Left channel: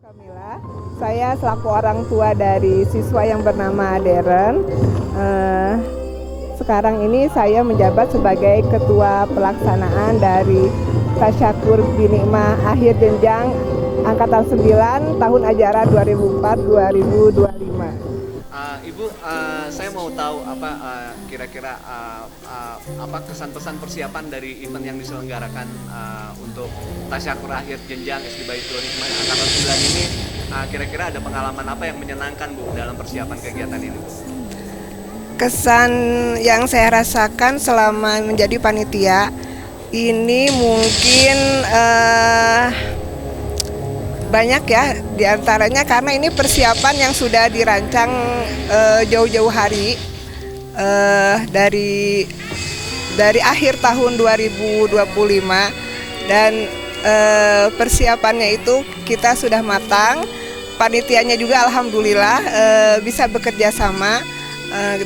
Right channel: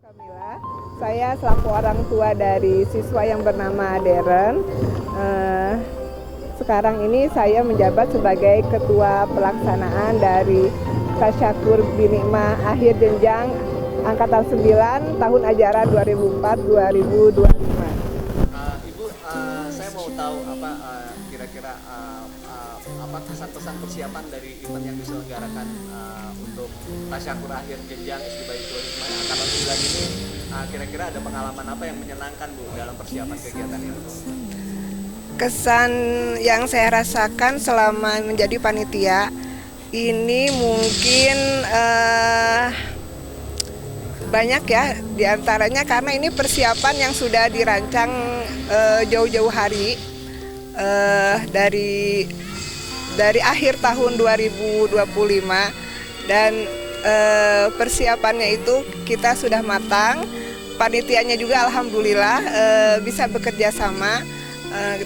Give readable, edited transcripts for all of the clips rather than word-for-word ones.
Kamila, saya selaku orang tua dari siswa yang bernama Deren. Sekarang ini saya menjabat sebagai ketua pelaksanaan dari Tasyakur Binikmah Akhir Jenjang Angkatan 9 tahun ajaran 2004-2025. Ibu, saya mau tahu kira-kira apa pesan-pesan persiapan dari event yang diselenggarakan untuk Tasyakur Akhir Jenjang SD Baitul Hikmah Angkatan 9 ini. Kira-kira ada pengalaman apa yang menyenangkan, Bu, dalam persiapan kegiatan ini, Bu? Kesan yang saya rasakan selama menjadi panitia ini mungkin banyak ya, diantaranya karena ini persiapan yang sudah dirancang jauh-jauh hari, dari akhir tahun 2025, dan persiapannya itu kita sudah matang. Panitianya juga alhamdulillah bisa bekerja sama,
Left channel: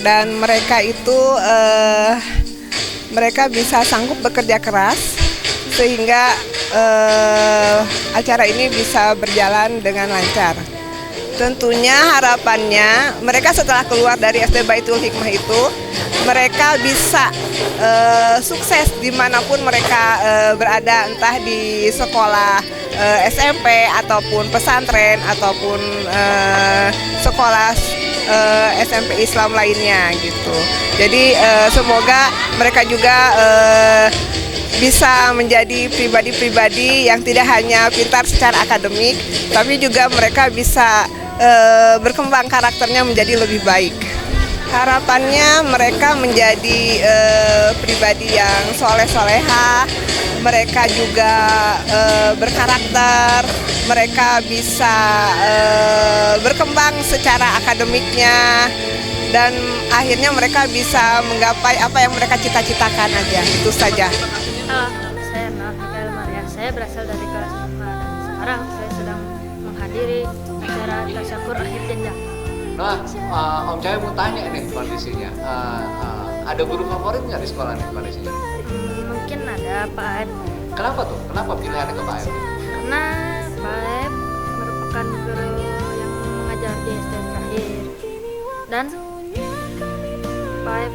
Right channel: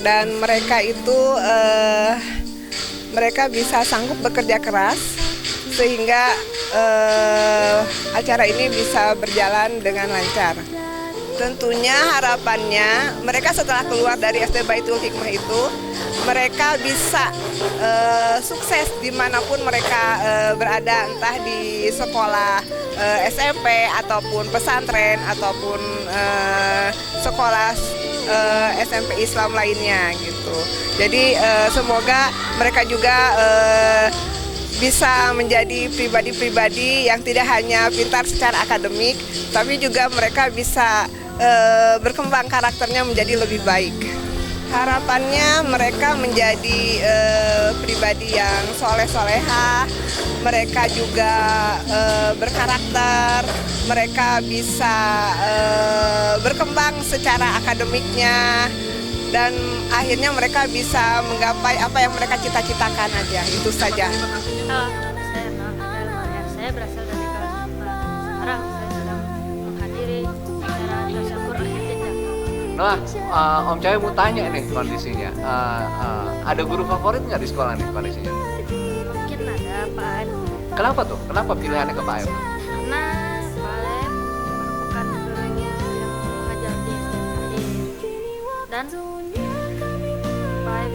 dan mereka itu mereka bisa sanggup bekerja keras sehingga acara ini bisa berjalan dengan lancar. Tentunya harapannya mereka setelah keluar dari SD Baitul Hikmah itu mereka bisa sukses dimanapun mereka berada, entah di sekolah SMP ataupun pesantren ataupun sekolah SMP Islam lainnya gitu. Jadi semoga mereka juga bisa menjadi pribadi-pribadi yang tidak hanya pintar secara akademik, tapi juga mereka bisa berkembang karakternya menjadi lebih baik. Harapannya mereka menjadi pribadi yang soleh-soleha, mereka juga berkarakter, mereka bisa berkembang secara akademiknya, dan akhirnya mereka bisa menggapai apa yang mereka cita-citakan aja, itu saja. Halo, saya Mikael Maria. Saya berasal dari kelas 5. Sekarang saya sedang menghadiri acara Tasyakur Akhir Jenjang. Nah, Om Cahyo mau tanya nih kondisinya. Ada guru favorit nggak di sekolah nih kondisinya? Mungkin ada Pak Aep. Kenapa tuh? Kenapa pilihannya ke Pak Aep? Karena Pak Aep merupakan guru yang mengajar di SD terakhir. Dan Pak Aep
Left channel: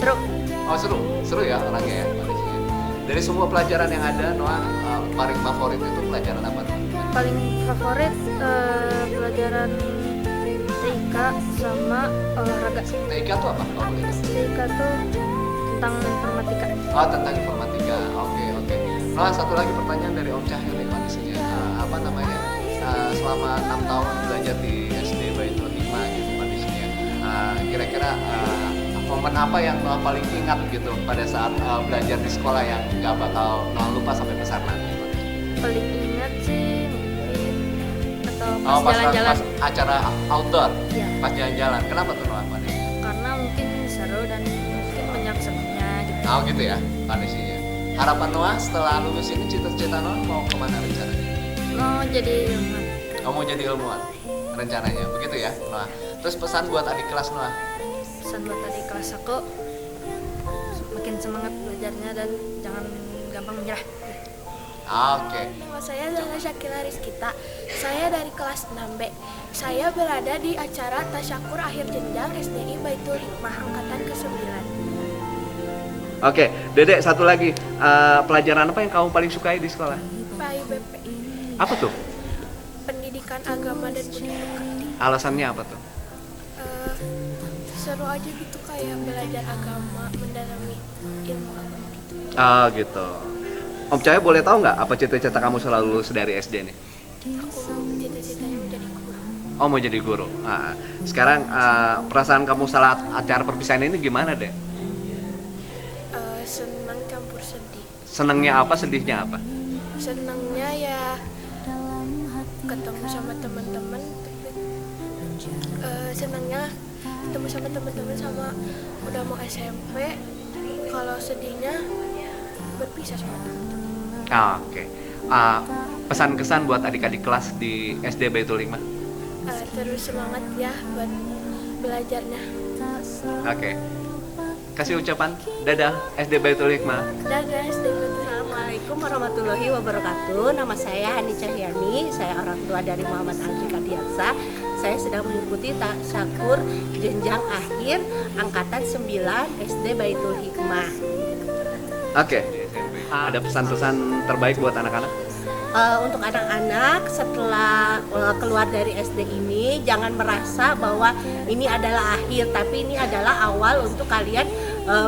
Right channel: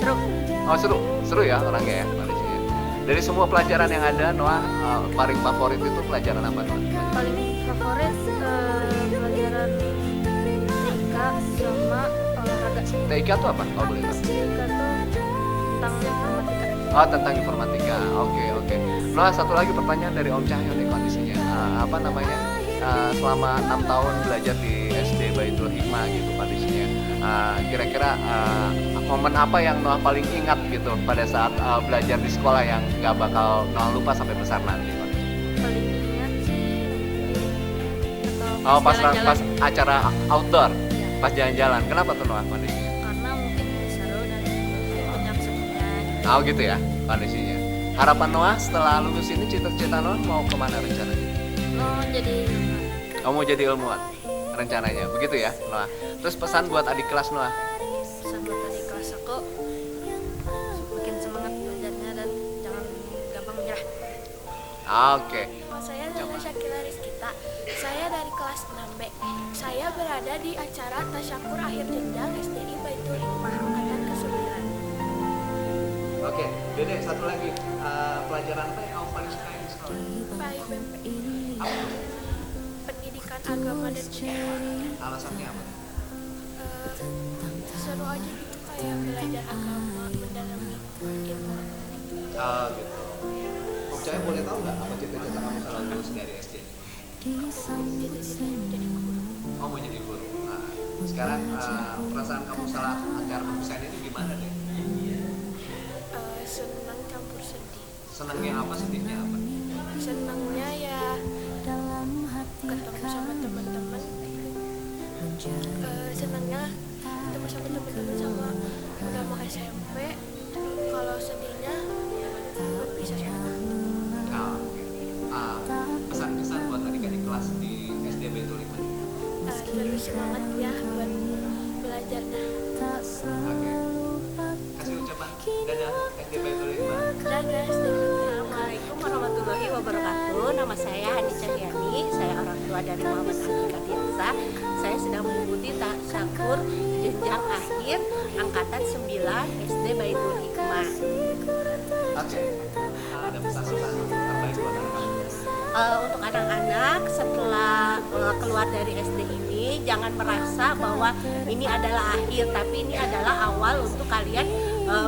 seru. Oh, seru ya orangnya ya kondisinya. Dari semua pelajaran yang ada, Noah paling favorit itu pelajaran apa, Noah? Paling favorit pelajaran TIK sama olahraga. TIK itu apa? Oh, boleh, Pak. TIK tuh tentang informatika. Oh, tentang informatika. Oke. Noah, satu lagi pertanyaan dari Om Cahyo nih kondisinya. Selama 6 tahun belajar di SD Baitul Hikmah gitu kondisinya. Kira-kira momen apa yang Noah paling ingat gitu pada saat belajar di sekolah yang nggak bakal Noah lupa sampai besar nanti? Paling ingat sih mungkin atau Pas jalan-jalan. acara outdoor, Ya, pas jalan-jalan. Kenapa tuh Noah kondisinya? karena mungkin seru dan mungkin banyak senangnya gitu. Oh gitu ya kondisinya. Harapan Noah setelah lulus ini, cita-cita Noah mau kemana rencananya? Mau jadi ilmuwan. Oh, mau jadi ilmuwan rencananya, begitu ya Noah. Terus pesan buat adik kelas Noah? Pesan buat adik kelas aku, makin semangat belajarnya dan jangan gampang menyerah. Oke. Nama saya Zana Syakila Rizkita. Saya dari kelas 6B. Saya berada di acara Tasyakur Akhir Jenjang SDI Baitul Hikmah Angkatan ke-9. Oke, Dedek, satu lagi. Pelajaran apa yang kamu paling sukai di sekolah? PAIBP, Apa tuh? Pendidikan Agama dan Budaya. Alasannya apa tuh? Seru aja gitu kayak belajar agama, mendalami ilmu agama. Ah gitu. Om Cahyo boleh tahu nggak apa cita-cita kamu setelah lulus dari SD nih? Aku cita-citanya menjadi guru. Oh, mau jadi guru. Nah, sekarang perasaan kamu saat acara perpisahan ini gimana deh? Senang campur sedih. Senengnya apa, sedihnya apa? Senangnya ya ketemu sama teman-teman, tapi senangnya ketemu sama teman-teman sama udah mau SMP. Kalau sedihnya berpisah sama teman-teman. Oke. Pesan-kesan buat adik-adik kelas di SD Baitul Hikmah. Terus semangat ya buat belajarnya. Oke. Kasih ucapan dadah SD Baitul Hikmah. Dadah, SD Baitul Hikmah. Assalamualaikum warahmatullahi wabarakatuh. Nama saya Hani Cahyani. Saya orang tua dari Muhammad Alfi Kadiansa. Saya sedang mengikuti tasyakur jenjang akhir angkatan 9 SD Baitul Hikmah. Oke. Ada pesan-pesan terbaik buat anak-anak? Untuk anak-anak setelah keluar dari SD ini, jangan merasa bahwa ini adalah akhir, tapi ini adalah awal untuk kalian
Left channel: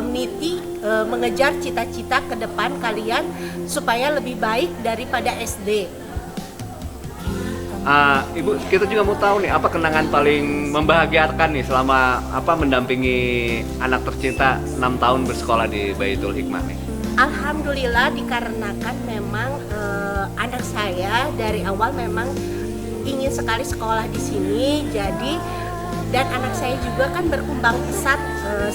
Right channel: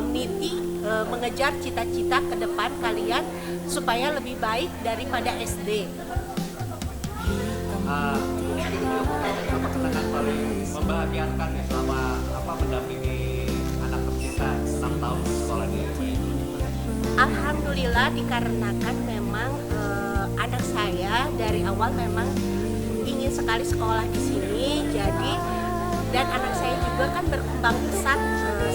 meniti mengejar cita-cita ke depan kalian supaya lebih baik daripada SD. Ibu, kita juga mau tahu nih apa kenangan paling membahagiakan nih selama mendampingi anak tercinta 6 tahun bersekolah di Baitul Hikmah nih. Alhamdulillah, dikarenakan memang anak saya dari awal memang ingin sekali sekolah di sini, jadi dan anak saya juga kan berkembang pesat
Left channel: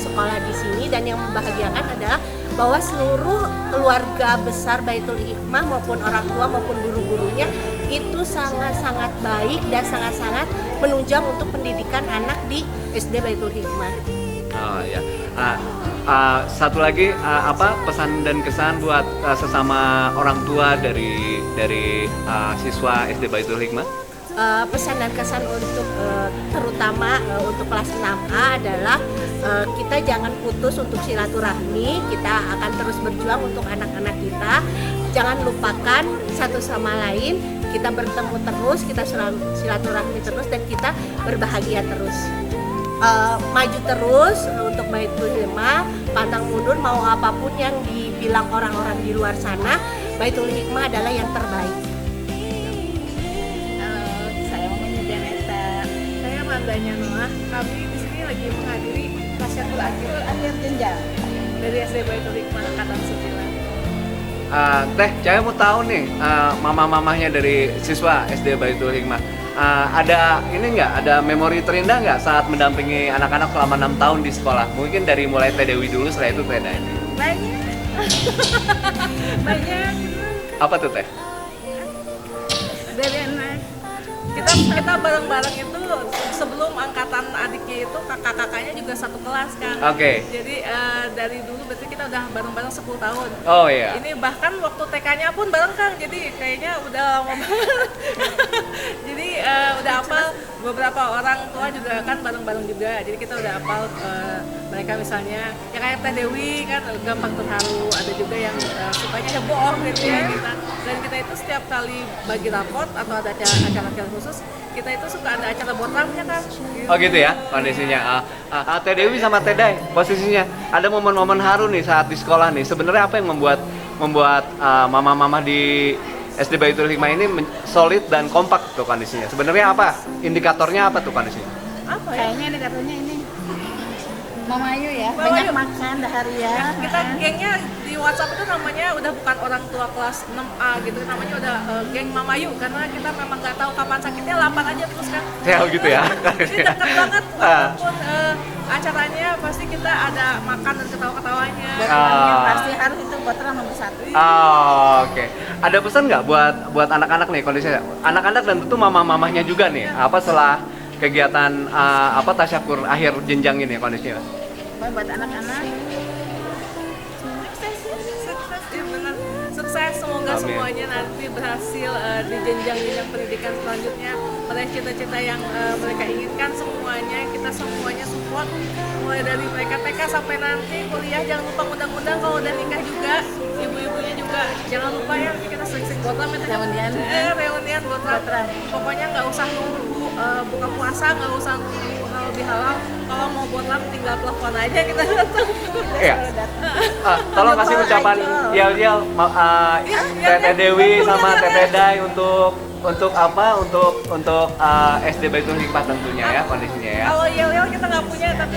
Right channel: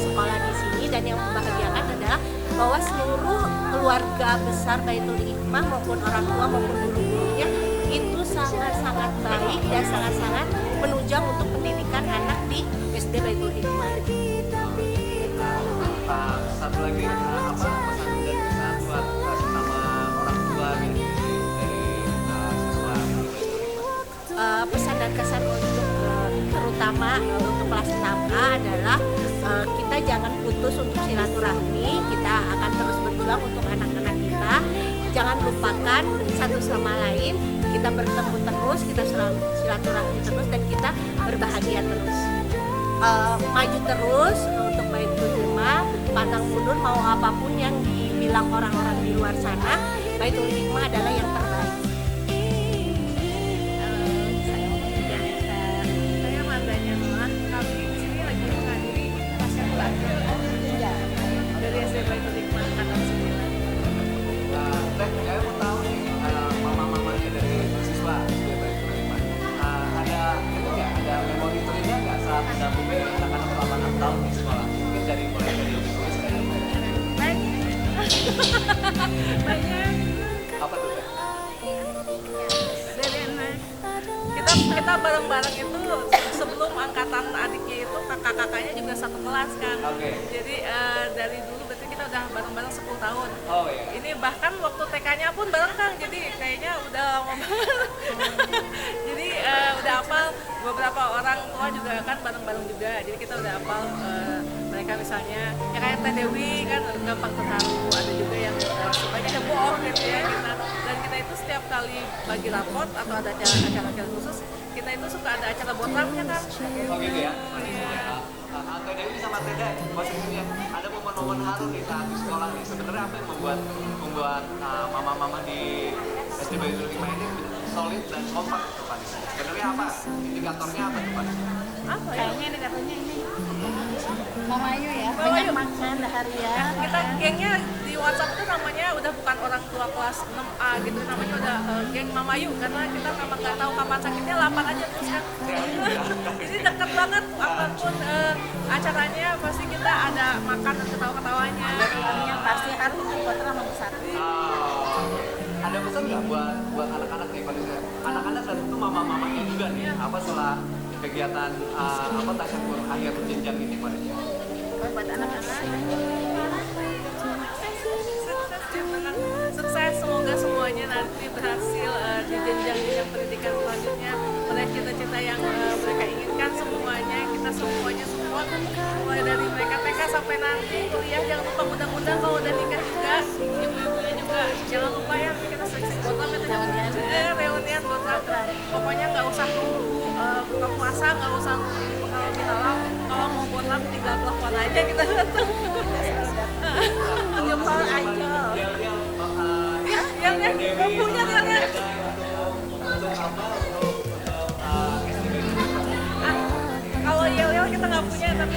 sekolah di sini, dan yang membahagiakan adalah bahwa seluruh keluarga besar Baitul Hikmah maupun orang tua maupun guru-gurunya itu sangat-sangat baik dan sangat-sangat menunjang untuk pendidikan anak di SD Baitul Hikmah. Oh ya. Satu lagi pesan dan kesan buat sesama orang tua dari siswa SD Baitul Hikmah? Pesan dan kesan untuk terutama untuk kelas 6A adalah kita jangan putus untuk silaturahmi. Kita akan terus berjuang untuk anak-anak kita. Jangan lupakan satu sama lain. Kita bertemu terus, kita silaturahmi terus, dan kita berbahagia terus. Maju terus untuk Baitul Hikmah, pantang mundur mau apapun yang dibilang orang-orang di luar sana. Baitul Hikmah adalah yang terbaik. Mandanya Noah, kami di sini lagi menghadiri tasyakur akhir jenjang dari SD Baitul Hikmah angkatan 9. Teh, saya mau tahu nih mama-mamahnya dari siswa SD Baitul Hikmah. Ada ini nggak? Ada memori terindah nggak saat mendampingi anak-anak selama 6 tahun di sekolah? Mungkin dari mulai Teh Dewi dulu, setelah itu Teh Dai. Banyak. Banyak. Apa tuh Teh? Dari anak. Kita bareng-bareng itu sebelum angkatan adiknya itu kakak-kakaknya juga satu kelas kan. Oke. Jadi dari dulu berarti kita udah bareng-bareng 10 tahun. Oh iya. Ini bahkan waktu TK-nya pun bareng Kang. Jadi kayaknya udah lama banget. Jadi udah hafal, beberapa orang tua juga kan bareng-bareng juga. Jadi kita udah hafal mereka misalnya ya kayak Teh Dewi kan gampang terharu. Ada juga yang sukanya heboh gitu ya kita. Dan kita itu setiap kali bagi raport atau ada acara-acara khusus, kita itu suka ada acara botramnya kan. Oh gitu ya kondisinya. Teh Dewi sama Teh Dai posisinya ada momen-momen haru nih saat di sekolah nih. Sebenarnya apa yang membuat mama-mama di SD Baitul Hikmah ini solid dan kompak tuh kondisinya? Sebenarnya apa? Indikatornya apa tuh kondisinya? Apa ya? Kayaknya indikatornya ini Mama Ayu ya, Mama banyak Ayu. makan harian. Kita gengnya di WhatsApp itu namanya udah bukan orang tua kelas 6A gitu, namanya udah geng Mama Ayu, karena kita memang nggak tahu kapan sakitnya, lapar aja terus kan. Ya gitu ya. Jadi deket banget, apapun acaranya pasti kita ada makan dan ketawa-ketawanya. Dan yang pasti harus itu Botra nomor 1. Oke. Ada pesan nggak buat anak-anak nih kondisinya? Anak-anak dan tentu mama-mamahnya juga nih. Apa setelah kegiatan tasyakur akhir jenjang ini kondisinya? Buat anak-anak Sukses, semoga Amin. semuanya nanti berhasil di jenjang-jenjang pendidikan selanjutnya, meraih cita-cita yang mereka inginkan. Semuanya kita semuanya support, mulai dari mereka TK sampai nanti kuliah. Jangan lupa undang-undang kalau udah nikah juga, ibu-ibunya juga jangan lupa ya, kita sering-sering botram ya, reunian botram. Pokoknya nggak usah nunggu buka puasa, nggak usah nunggu halal bihalal. Kalau mau botram tinggal telepon aja, kita datang. Iya. Tolong kasih ucapan yel-yel Teh Dewi sama Teh Dai untuk SD Baitul Hikmah tentunya ya kondisinya ya. Kalau yel-yel kita nggak punya, tapi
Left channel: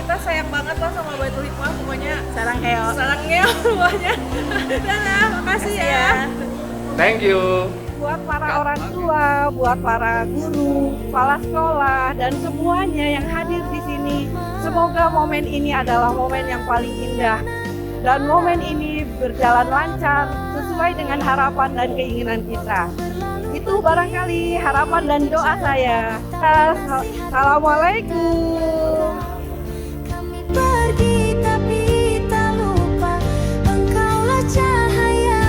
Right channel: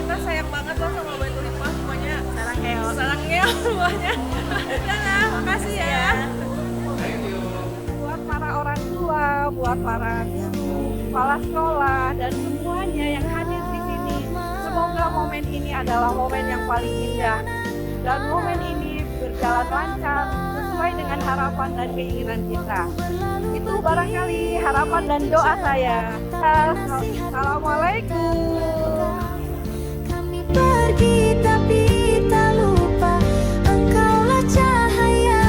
kita sayang banget lah sama Baitul Hikmah, pokoknya sarang heo. sarang ngel semuanya. Dadah, makasih ya. Thank you. Buat para orang tua, buat para guru, kepala sekolah, dan semuanya yang hadir di sini. Semoga momen ini adalah momen yang paling indah. Dan momen ini berjalan lancar sesuai dengan harapan dan keinginan kita. Itu barangkali harapan dan doa saya. Assalamualaikum. Kami pergi tapi tak lupa engkaulah cahaya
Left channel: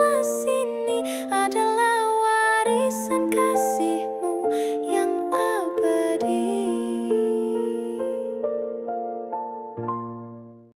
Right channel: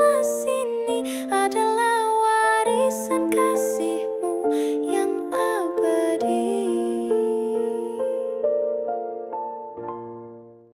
kelas ini adalah